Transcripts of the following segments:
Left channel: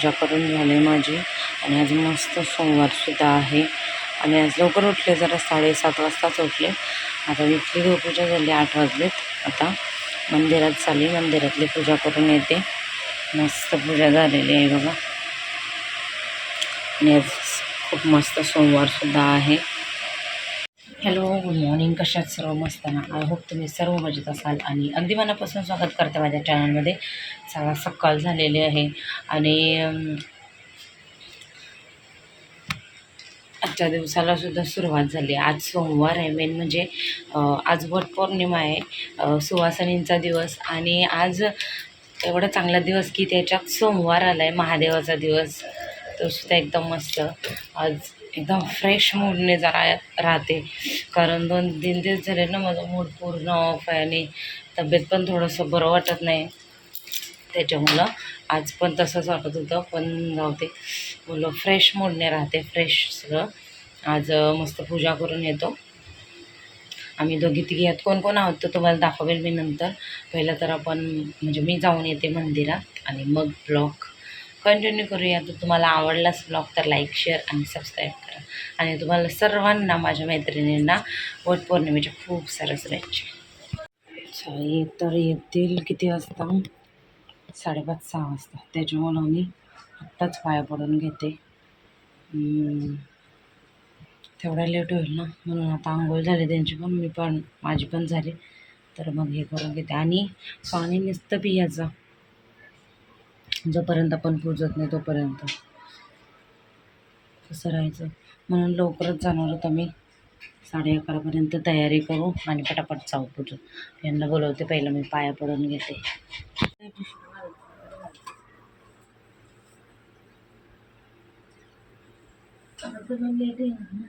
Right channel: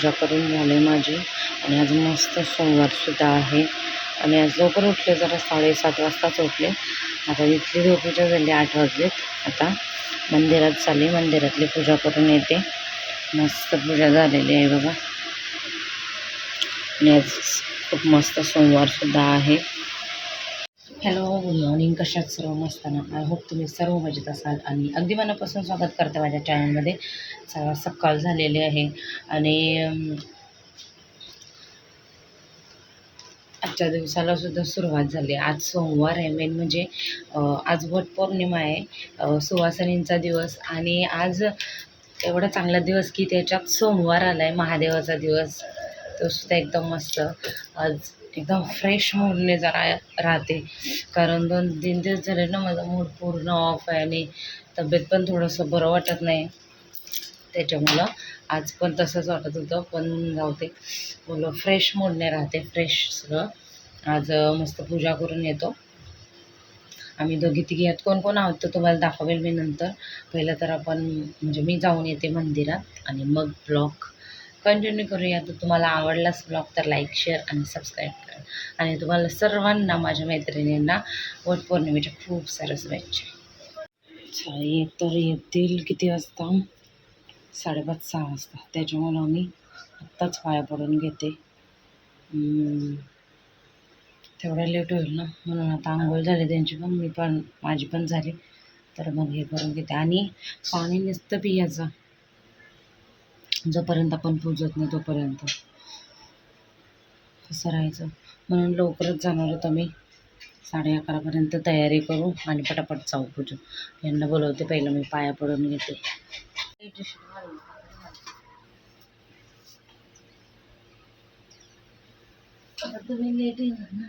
पूजा करून झाली माझी आणि आज मस्त सोमवारसुद्धा आहे आणि आज लवकर उठले, जरा 7:30 वाजताच उठले. आता इथली देवपूजा झाली, 8 वाजलेत. आता मंदिरात चालली, मंदिरातली पूजा करून येते. मस्त पूजा झालेली आहे बघा आणि आज खूप मस्त सोमवारसुद्धा आहे. Hello, good morning. कशात सर्व मस्त ना? आय होप तुम्ही सर्व मजेत असाल आणि अगदी मनापासून स्वागत करते माझ्या चॅनलमध्ये. सकाळ झालेली आहे आणि आजच्या दिवसाला सुद्धा सुरुवात झाली. आज सोमवार आहे, मेन म्हणजे आज वटपौर्णिमा आहे, सुवासिनींचा दिवस. आणि आज एवढा चांगला दिवस की त्याच्यात सोमवार आला आहे, महादेवाचा दिवस. तो सुद्धा एकदम मस्त. आज एकदम फ्रेश मूडने जरा राहते, कारण 2-3 दिवस झाले ना माझा मूड पूर्ण ऑफ आहे आणि तब्येत पण थोडंसं बरं वाटत नाही. त्याच्यामुळं आज पण तसंच वाटत होतं, पण जाऊ दे, मुलं फ्रेश मूडने राहते, फ्रेश सगळं. आज मस्त पूजा करून येतो. आम्ही दोघी तिघी आहेत. कोण कोण आहोत तर तुम्हाला दाखवेल मी नंतर. पहिलं तर आपण म्हणजे मी जाऊन येते मंदिरात आणि मग ब्लॉग कंटिन्यू करूया. तर तुम्हाला आवडलाच ब्लॉग तर लाईक, शेअर आणि सबस्क्राईब करा. आणि तुम्हाला सर्वांना, माझ्या मैत्रिणींना वटपौर्णिमेच्या खूप साऱ्या शुभेच्छा. तर येतील किती वाजता? 5:30-6 वाजता. त्याच्यामुळं मी आत्ताच पाया पडून घेते, तेवढा लेट होईल ना, म्हणून आता आंघोळ झाली त्यांची पण, माझी पण झाली. तर मग हे करून घेते. आणि पाणी नुसतं पियाचं, जोपर्यंत आपण पूजत नाही तोपर्यंत कसं राहायचं. म्हणून लवकरच जाणार होतं मी, 11:30पर्यंत तयारी करू आणि पटापट जाऊ पूजून. यांना बोलवते, पहिलं मी पाया पडून घेते. तुम्ही लेट येणार ना,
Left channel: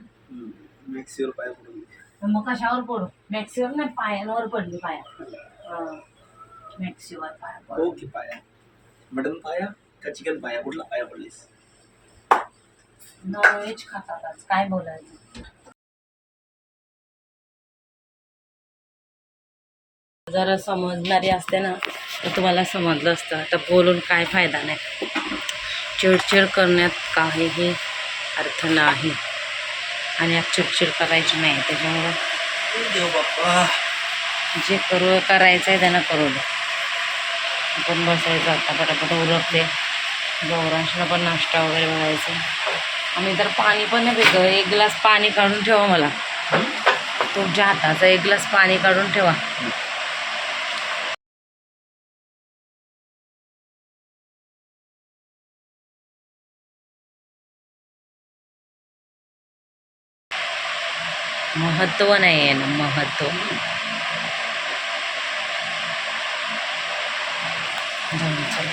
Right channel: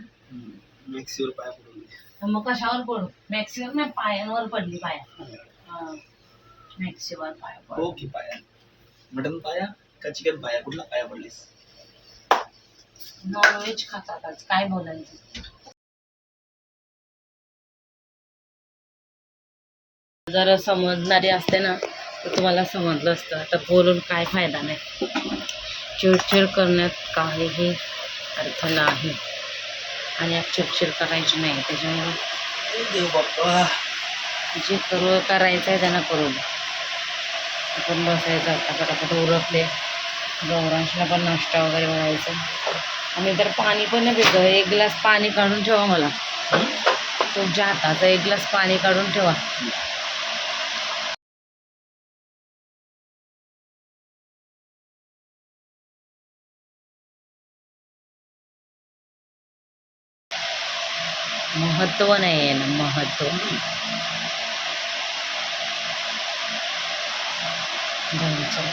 मॅक्सीवर पाया पडून. मग कशावर पडू? मॅक्सीवर नाही, पायांवर पडली. पाया मॅक्सीवर पाया पडू. ओके. पाया मटन पाया का चिकन पाया? कुठला पाया पडलीस? नॉनव्हेज खातात आज, काय बोलायचं. जरा समजणारी असते ना तर तुम्हाला समजलं असतं. तर बोलून काय फायदा नाही, चिडचिड करण्यात काहीही अर्थ नाही आणि आज चिडचिड करायची नाही. त्याच्यामुळं देव बाप्पा, जे करायचं आहे त्यांना करू द्या. आपण बसायचं. आता पटापट उरकते. गौरांशला पण नाश्ता वगैरे बघायचं. आम्ही तर पाणी पण नाही पितो. 1 ग्लास पाणी काढून ठेवा मला, तुमच्या हाताचा 1 ग्लास पाणी काढून ठेवा. महत्त्व नाही आहे ना, महत्त्व. जाऊन चला.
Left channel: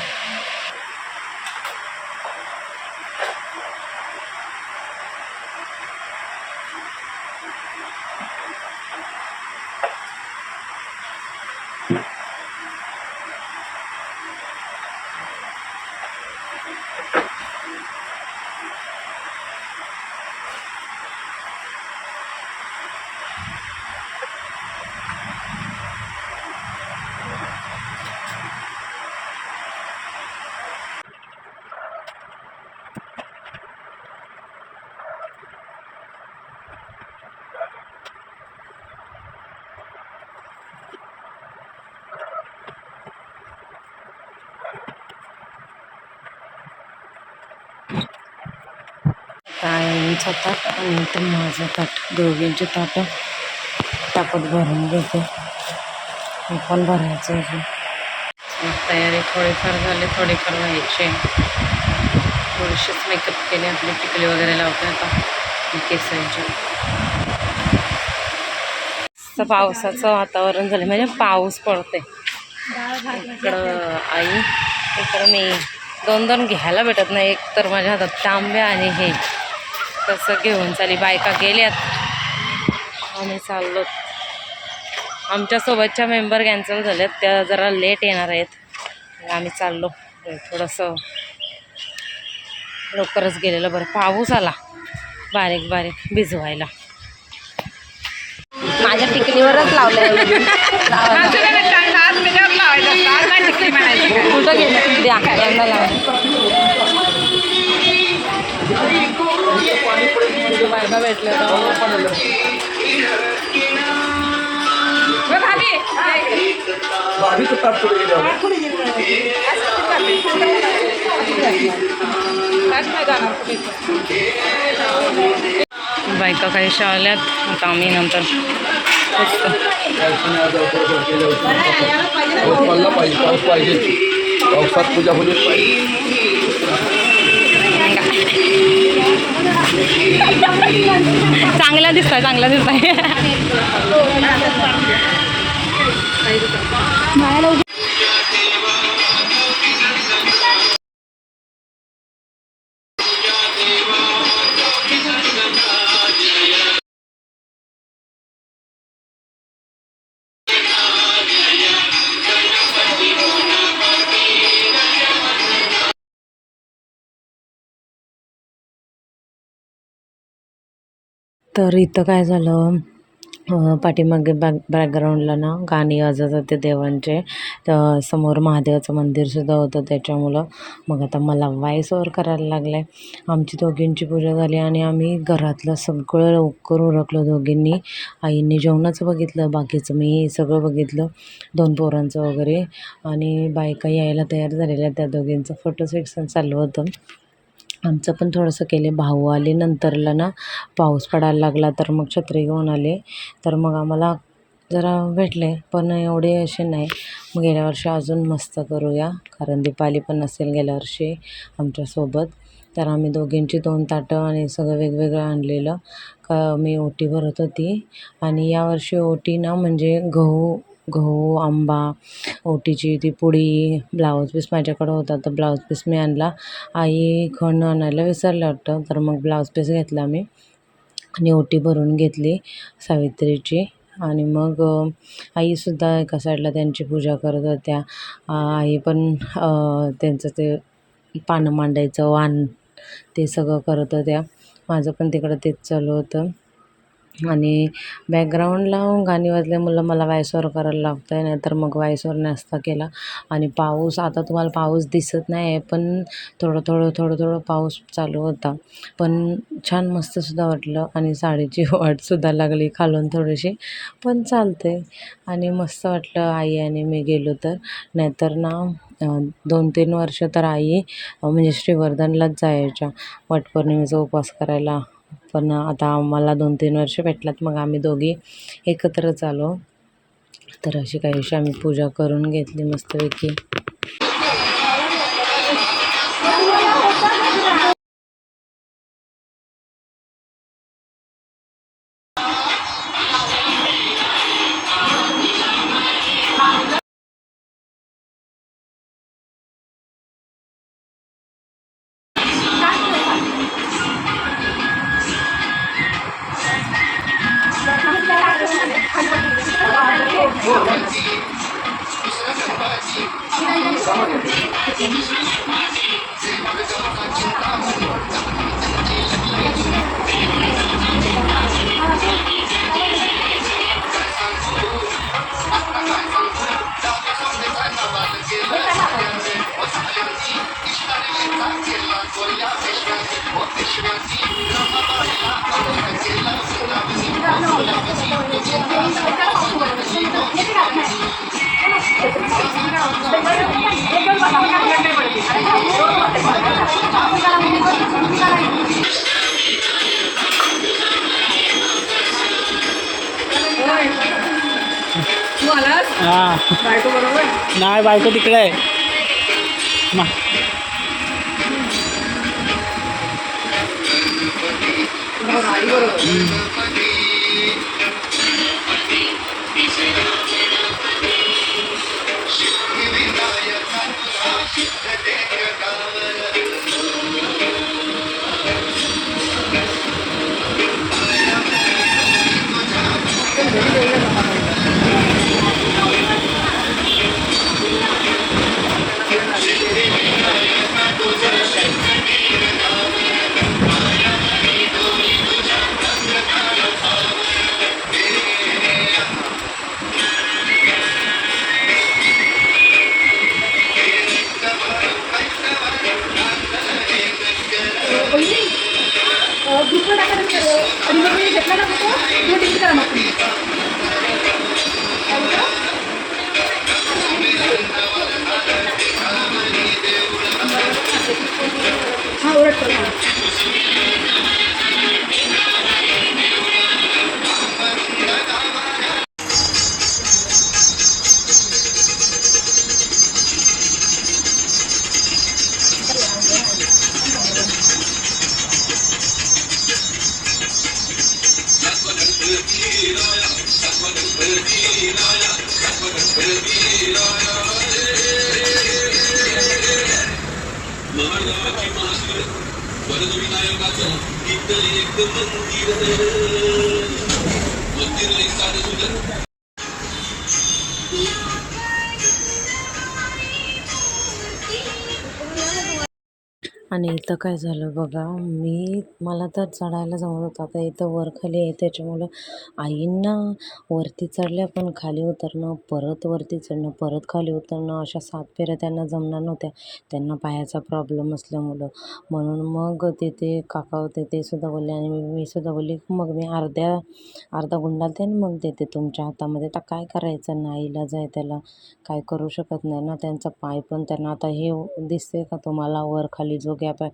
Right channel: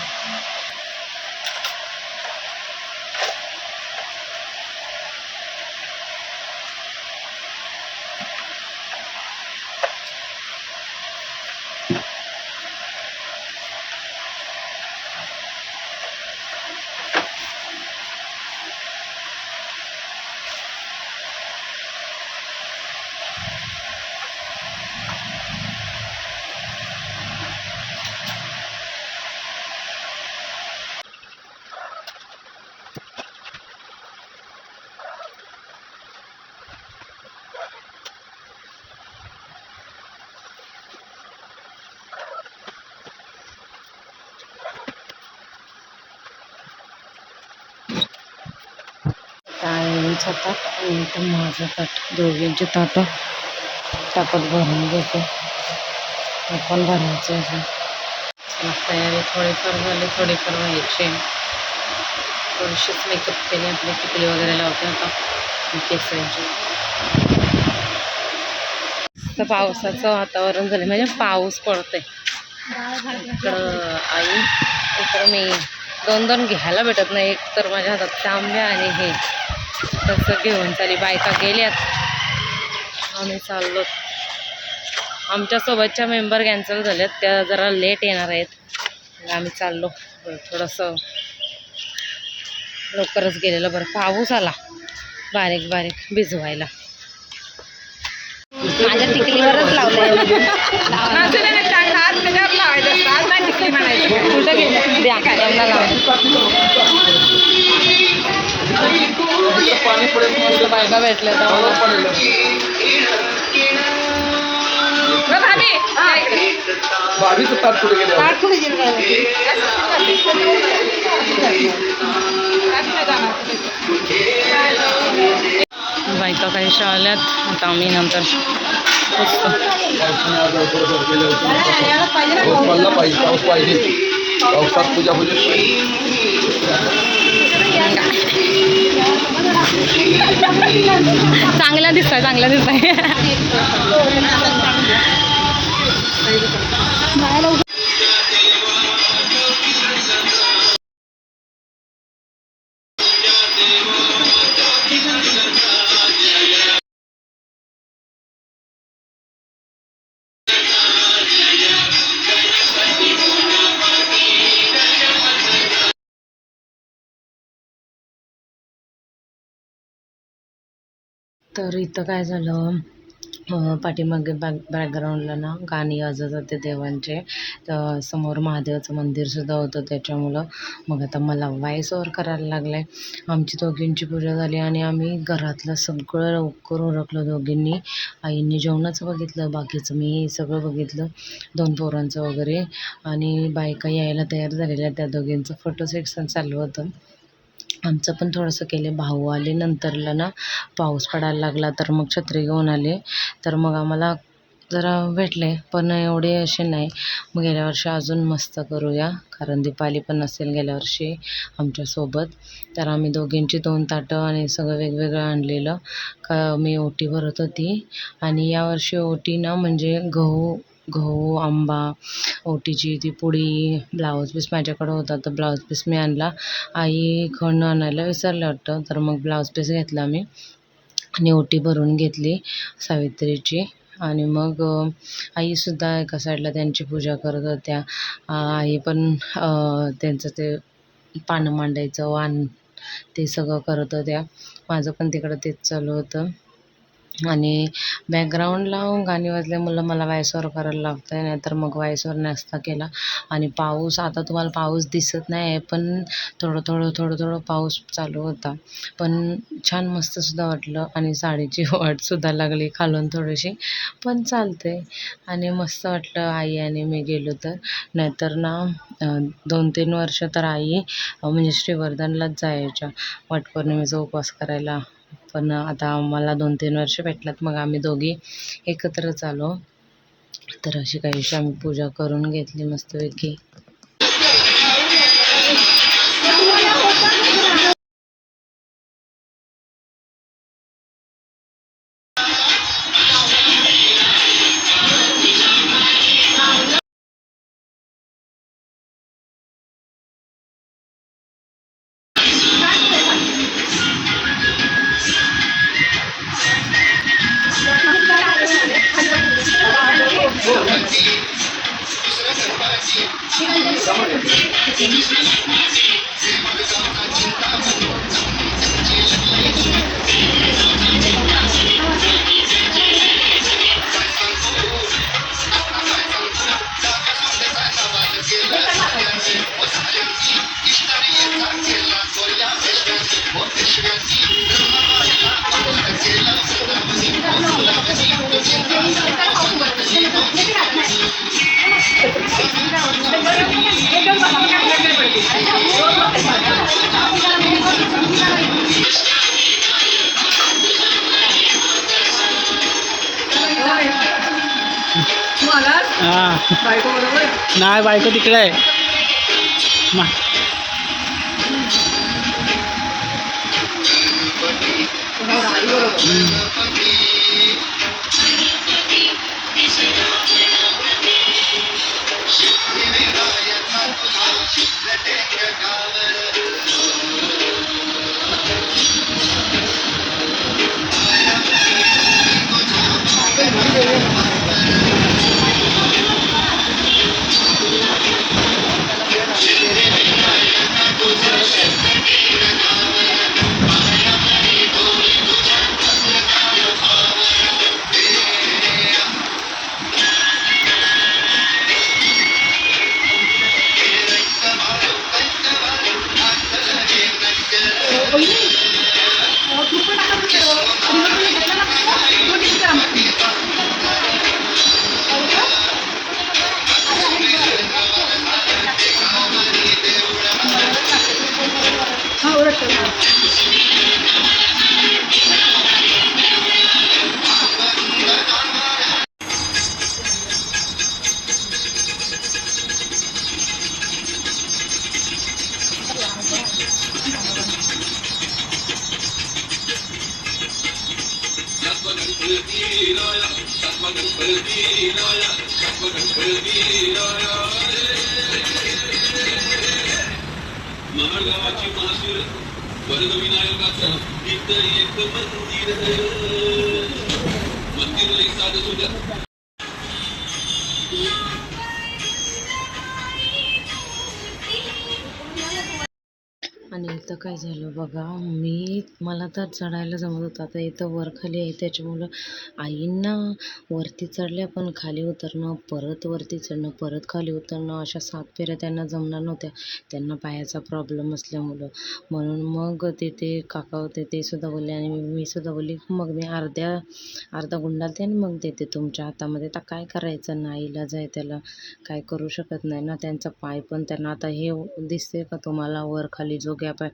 ताईंचं ताट आणि ते माझं ताट, दोघींचे ताटं टापत भरून घेते. हे पण भरायचं आहे. मग तयारी थोडीफार झाली, थोडीफार व्हायची. थोडीशीच मेकअप केले, आपली टिकली वगैरे लावते आता केसांची. तर पावसाचं वातावरण झालं, म्हणजे पाऊस पडते. इकडं आई, इकडं मी. 2 घ्यायला भेटत नाही. एक तर माझ्या हातात तांब्या आणि हे तसं घेऊन चाली. बायका गेल्यात, आम्ही चाललो. आमच्यासोबतच्या मेंबर कॅन्सल झाल्यात, त्या जरा लेट येणार आहेत. आम्ही चाललो. थोडंसं लवकरच गेलेलं बरं. पाऊस आला बारीक बारीक भिजवायला. माझ्या टिकलीवरच लावलंय. कुठं गेलं? द्या यांना लावलं. एकदा भेटले भाभी तो तात्पुरे गेले बायका काहीशा आल्यात. आता आम्ही नंतर बसतो. पडला पाहिजे पाऊस पाहिजे पावसात तुझ्या चांगला दिसताय चांगला दिसताय. तर इथं काय झालं, पाठीमागे बॅकग्राऊंडला ना गाणी वाजत होते देवांचे. तर समोर महादेवाचं मंदिरसुद्धा होतं त्याच्यामुळं मग आता मला व्हॉइस ओव्हर करायला लागलं आहे. आमची दोघींची पूजा झाली आणि आम्ही घरातलं सगळं लवकर उरकलं दोघींनी. आईने जेवणाचं बघितलं, बाकीचं मी सगळं बघितलं, 2 पोरांचं वगैरे. आणि बायका यायला तयार झालेल्या, त्या दोघींचं फोटो सेक्शन चालू होतं. आमचं पण थोडंसं केले. भाऊ आले नंतरला ना, पाऊस पडायला लागला तर मग छत्री घेऊन आले. तर मग आम्हाला जरा भेटले, पण एवढे असे नाही. मग गेल्या वर्षी अजून मस्त करूया, कारण दीपाली पण नसेल गेल्या वर्षी आमच्यासोबत. तर आम्ही दोघींची 2 ताटं आणि सगळं वेगवेगळं आणलेलं. का मी ओटी भरत होती आणि यावर्षी ओटी ना म्हणजे गहू, आंबा, ओटीची ती पुडी, ब्लाऊज पीस माझ्याकडं होता तर ब्लाऊज पीस मी आणला. आई खण आणायला विसरलं वाटतं, तर मग ब्लाऊज पीस घेतला मी आणि ओटी भरून घेतली सावित्रीची. आणि मग आईसुद्धा एका साईडला त्यांची पूजा करत होत्या. आई पण त्यांचं ते पानं मांडायचं वाण ते सगळं करत होत्या. माझं पण तिकडं तेच चालू होतं. आणि बॅकग्राऊंडला गाणी वाजल्यामुळं मला व्हॉइस ओव्हर करायला लागतं आहे, नाहीतर मग व्हॉइस ओव्हर नसता केला. आणि पाऊस, आता तुम्हाला पाऊस दिसत नाही आहे, पण थोडं पाऊस चालू होता. पण छान मस्तसुद्धा वाटलं आणि साडीची वाटसुद्धा लागली खालून थोडीशी, पण चालते. आणि मस्त वाटलं आई आणि मी गेलो तर. नाहीतर ना 2-3 वर्ष तर आई म्हणजे श्रीवर्धनलाच जायच्या वटपौर्णिमेचा उपवास करायला. पण आता आम्हाला 2-3 वर्ष भेटलात, मग आम्ही दोघी एकत्रच आलो. तर अशी काहीशी आम्ही पूजा करून घेतली मस्तपैकी. बायको बरोबर नाही, बायको तिकडे आहे. आणि इथं काय झालं बघा, मला तर चढायला जमत होतं. आता इथं वर खाली आहे त्याच्यामुळं आईंना वरती चढल्या पण खाली उतरणं, परत वरती चढणं, परत खाली उतरणं, अशा 7 फेऱ्या त्यांना जमणार नव्हत्या. त्यांना पायाचा प्रॉब्लेम असल्यामुळं. म्हणून मग तिथे काका होते ते सुद्धा बोलले आणि मी सुद्धा बोलली, मग मी अर्धा गुंडाळते आणि मग देते तुमच्या हातामध्ये. आता काय करायचं, नाईलाज आहे, त्याला काय करू शकत नाही ना. त्यांचा पाय पण त्यांना आता हे दिसते का तुम्हाला वर खाली जो गॅप आहे,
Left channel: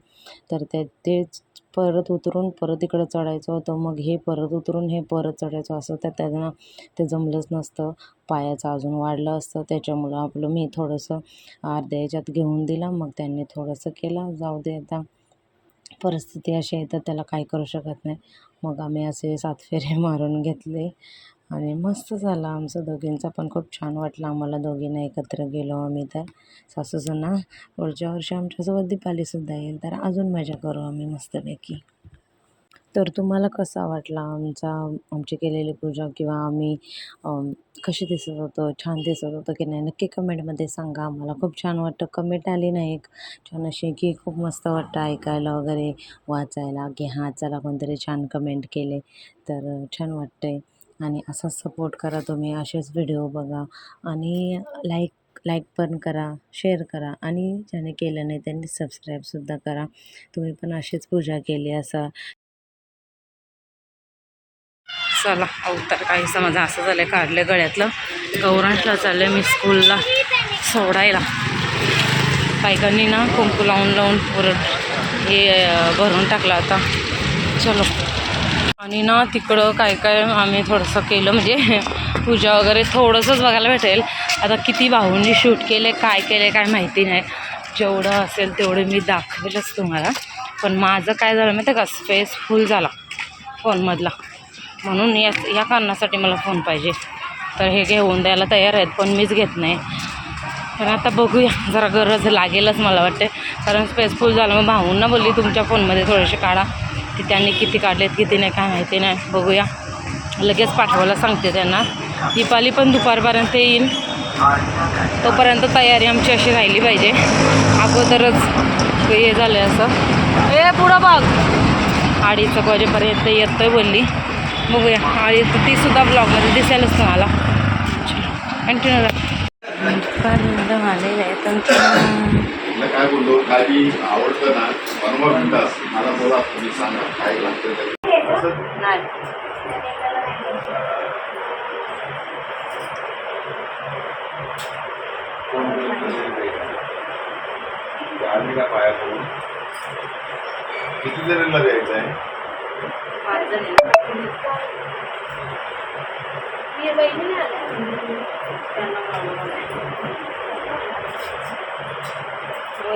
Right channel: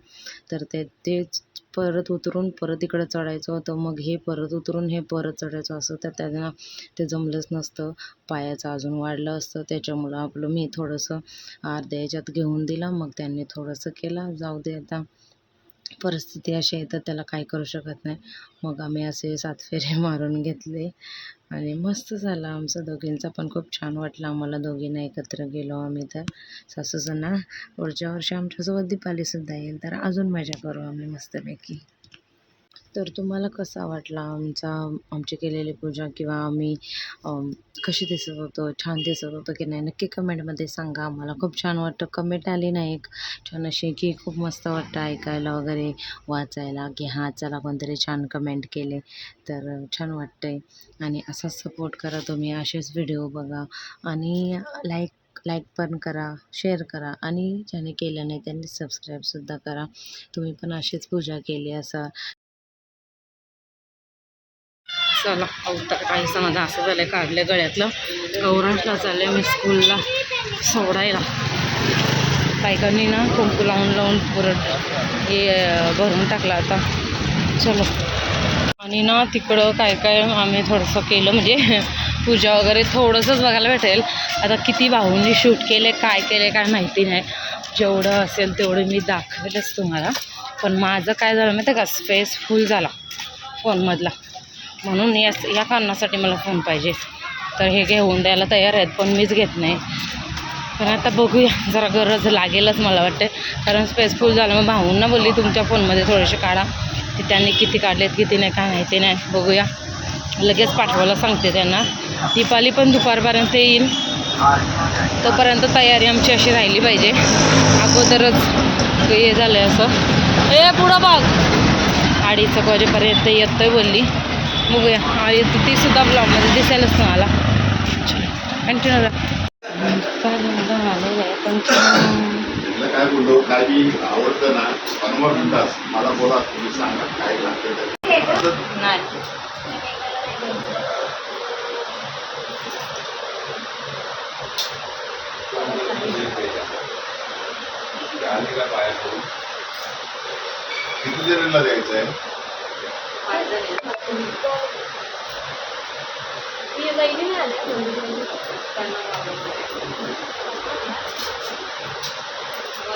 तर तेच परत उतरून परत इकडं चढायचं होतं. मग हे परत उतरून हे परत चढायचं असं, तर त्यांना ते जमलंच नसतं. पायाचं अजून वाढलं असतं. त्याच्यामुळं मी थोडंसं अर्ध्या ह्याच्यात घेऊन दिला. मग त्यांनी थोडंसं केलं. जाऊ दे, आता परिस्थिती अशी आहे तर त्याला काय करू शकत नाही. मग आम्ही असे 7 फेरे मारून घेतले आणि मस्त झालं आमचं दोघींचा पण. खूप छान वाटलं आम्हाला दोघींना एकत्र गेलो आम्ही. तर सासूसुना पुढच्या वर्षी आमच्यासोबत दीपावलीसुद्धा येईल, तर अजून मजा करू आम्ही मस्तपैकी. तर तुम्हाला कसा वाटला आमची केलेली पूजा, किंवा आम्ही कशी दिसत होतो, छान दिसत होतं की नाही, नक्की कमेंटमध्ये सांगा. आम्हाला खूप छान वाटतं. कमेंट आली ना एक छान अशी, की खूप मस्त वाटतं ऐकायला वगैरे, वाचायला, की हां चला कोणतरी छान कमेंट केले, तर छान वाटतंय. आणि असाच सपोर्ट करा तुम्ही, असेच व्हिडिओ बघा आणि लाईक पण करा, शेअर करा आणि ज्याने केलं नाही त्यांनी सबस्क्राईबसुद्धा करा. तुम्ही पण अशीच पूजा केली असा. चला अवतार काही समजा असं झालं, काढलं गळ्यातलं. गौरांशला चाललं मी स्कूलला सोडायला. बायकांनी ना कुंकू लावून पुरट हे भरून टाकलं आता. चलो. आणि ना तिकडं काय आम्ही थोडंसं केलं, म्हणजे पूजा वगैरे थोडंसंच बघायला भेटेल. आता किती भाऊंनी शूट केले काय माहिती नाही. जेवढं असेल तेवढं मी दाखवेलच तुम्हाला. पण माझं काय झालं माहिती आहे का, स्पेस फुल झाला फोनमधला. म्हणून या कारणासाठी मला फोन पाहिजे. तर हे घेऊन द्यायला तयार आहेत, पण मीच घेत नाही. पण आता बघूया, जरा गरज लागेलच मला वाटते, कारण स्पेस फुल झालं. मग भाऊंना बोलली तुमच्या फोनमध्ये थोडेसे काढा. ते त्यांनी किती काढलेत किती नाही काय माहिती नाही. बघूया, लगेच पाठवायला सांगते त्यांना. दीपावली पण दुपारपर्यंत येईल, तोपर्यंत तयारी आमची अशी राहिली पाहिजे. अगोदरच हे झालं असं. पुढं बघ, 2:30 वाजेपर्यंत येतोय बोलली. बघूया, आणि तीसुद्धा ब्लॉगमध्ये दिसेलच तुम्हाला. कंटिन्यू आलेलं आहे तुमच्या. काय बोललो, काही आवडतं ना, बनवा म्हणतास मला बोला, तुम्ही सांगा काय लागतं नाही का पाया करून किती जणांना द्यायचं आहे?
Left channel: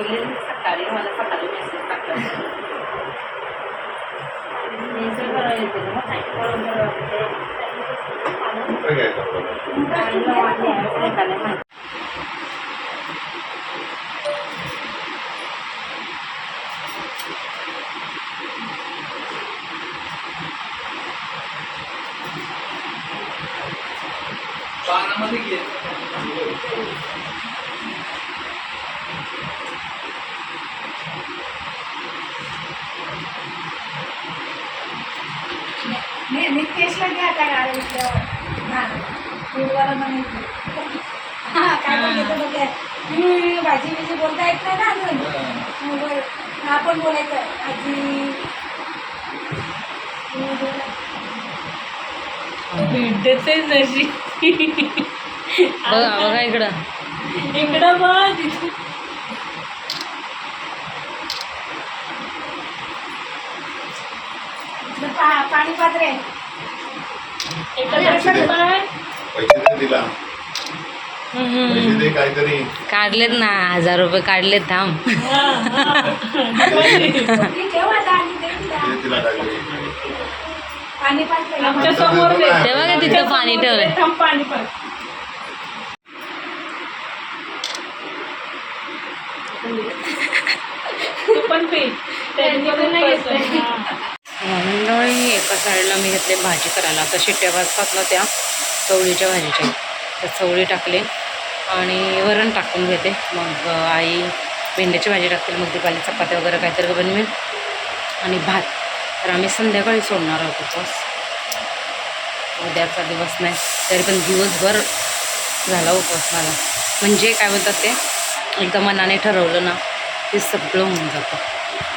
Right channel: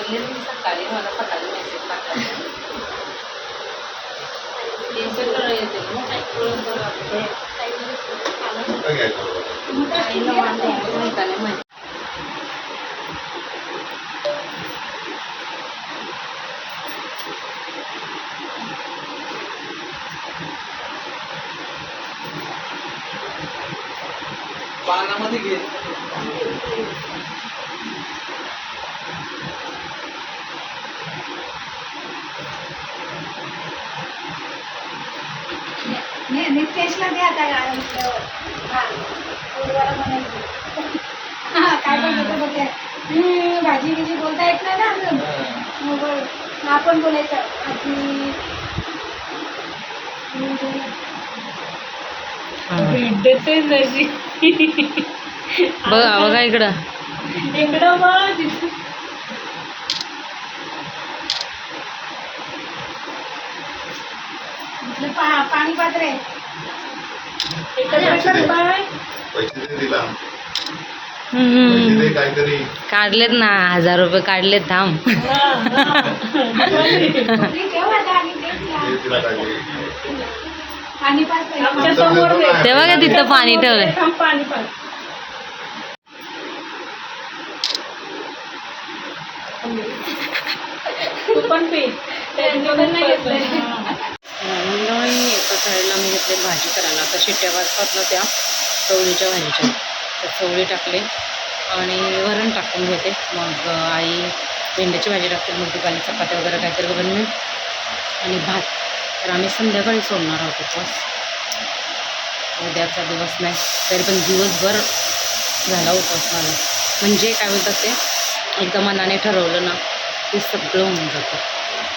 सकाळी मला सकाळी मेसेज टाकला. पानामध्ये घे. नितेशला घ्या आता फूडवाला म्हणायचं. काय बोलतो बघा, भाजी बिजी बोलता येत नाही ना अजून. मग आपण बोलायचं आजी भेटते जशी. बघा इकडं इकडं बघ. पाणी पात्र आहे. पैसे दे दिला पैसे दे काहीतरी काढलेत ना 1000 रुपये काढलेत थांब. मी ठेव आता आणि दे तिला. दे तिला काहीतरी पाणी पात्र आहे. ते बघा तिथं पाणी ठेवलंय. मंडळी एका साईडला मी घेतले भाजी करायला. आता शिट्ट्या वाजतात ना त्या चवळीच्या भाजीच्या, त्या चवळी टाकले आणि वरण टाकून घेते. मग आई भेंड्याची भाजी टाकतील, मग दिवाळी चपात्या वगैरे काहीतरी बनवेल आणि भात. तर आम्ही संध्याकाळी सोडणार आहोत उपवास. उद्याचा दिवस नाही तरी पण दिवसभर झाला उपवास मला. म्हणजे काय म्हणतात ते एकदा मनाने ठरवलं ना ते सगळं होऊन जातं.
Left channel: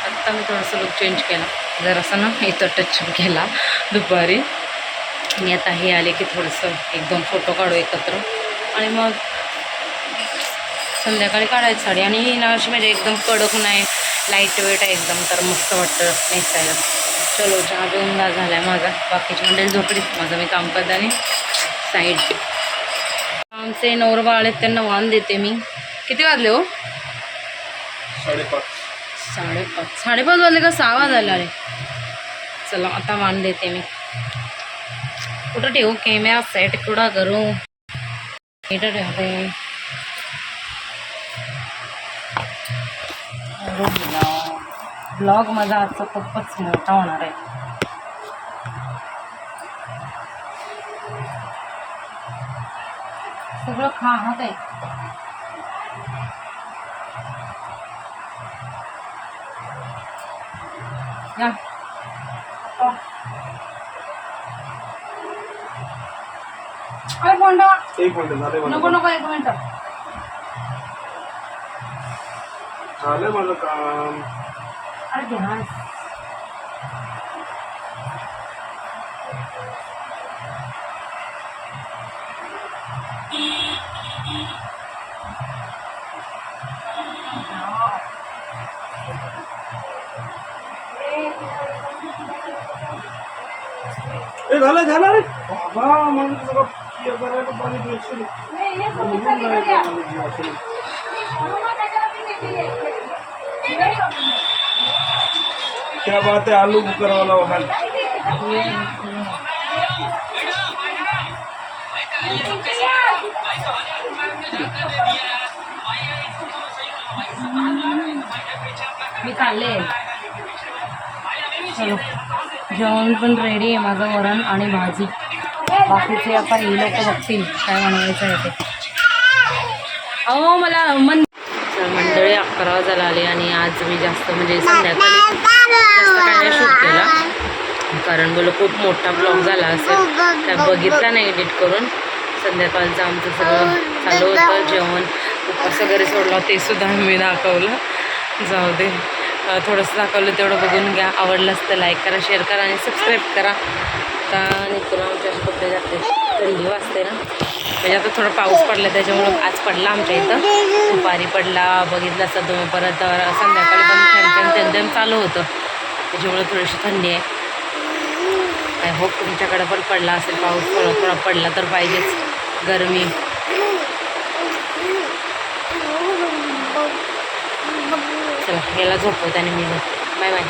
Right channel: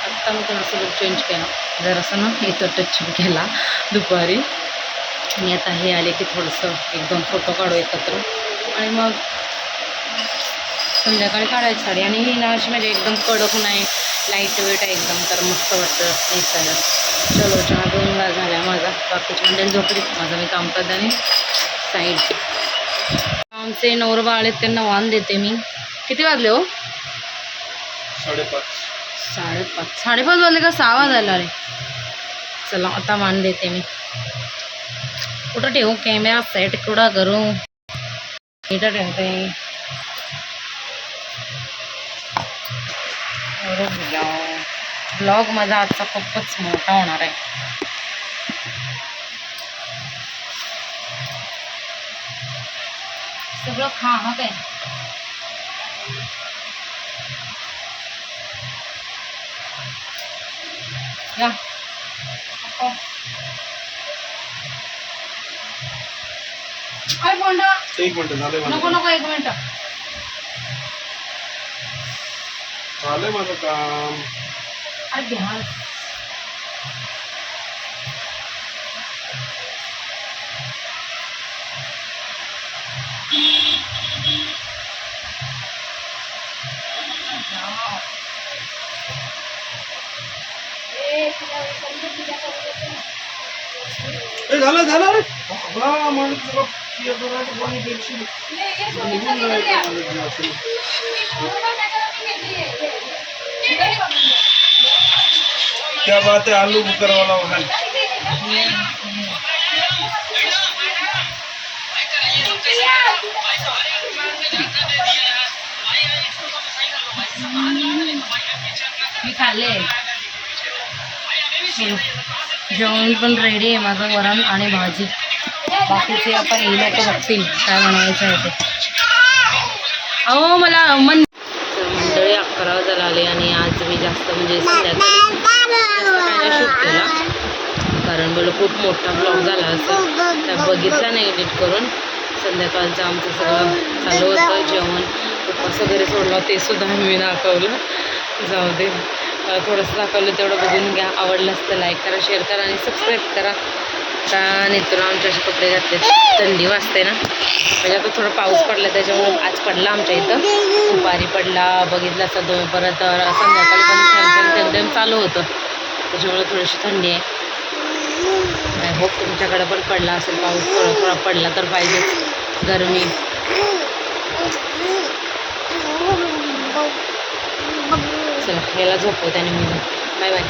आत्ता मी थोडंसं लुक चेंज केला, जरासं ना इथं टच केला दुपारी. आणि आता हे आले की थोडंसं 1-2 फोटो काढू एकत्र आणि मग संध्याकाळी काढायची साडी. आणि ही ना अशी म्हणजे एकदम कडक नाही, लाईट वेट आहे एकदम, तर मस्त वाटतं नेसायला. चलो चहा पिऊन झाला आहे माझा. बाकीची मंडळी झोपलीत, माझं मी काम करते आणि साईड. आमचे नवरबाळ आहेत त्यांना वाण देते मी. किती वाजले हो? 5:30 वाजले का 6 वाजले? अरे चला आता वाण देते मी. कुठं ठेवू कॅमेरा सेट, कुठं करू? इथं ठेवते. ब्लॉग माझा आजचा खूपच मोठा होणार आहे. सगळं खा हा काय. या अरे बोंडा एक मिनिट झालंय नको नको 1 मिनिट. झालंय माझं काम. अरे ध्यान. झालं रे बाबा. मला सगळं पाणी द्यायचं. क्या बात है, आलू बुकर वाला वहां. मी खाल्ले. चलो जेवण पण रेडी आहे माझं, वरण आणि भाजी. बाकीचे आता हे लोक बघतील काय बनवायचं आहे ते. अहो मला मंडळी 11 वाजायला आले आणि आज मी जास्त म्हणजे संध्याकाळी जास्त काय नाही शूट केला, कारण बोल खूप मोठा ब्लॉग झाला असेल, काय बघितला नाही एडिट करून. संध्याकाळचं आमचं सगळं चालू होतं, जेवण उपवास वगैरे सोडला ते सुद्धा मी दाखवलं. जाऊ दे, थोडंसं दाखवलं तेवढं बघून घ्या. आवडलंच तर लाईक करा, शेअर करा आणि सबस्क्राईब करा. आता नेतून आमच्या असे कपडे घातले, थंडी वाजते ना, म्हणजे आता थोडा पाऊस पडला त्याच्यामुळं. आज पडला आमच्या इथं, दुपारी पडला, बघितला असता तुम्ही. परत संध्याकाळी पण थेंब चालू होतं, त्याच्यामुळं थोडीशी थंडी आहे. आय होप तुमच्याकडे पण पडला असेल पाऊस. थोडा पडला तर पाहिजेच, गरमी. चला याला झोपवते आणि मी झोपते. Bye bye.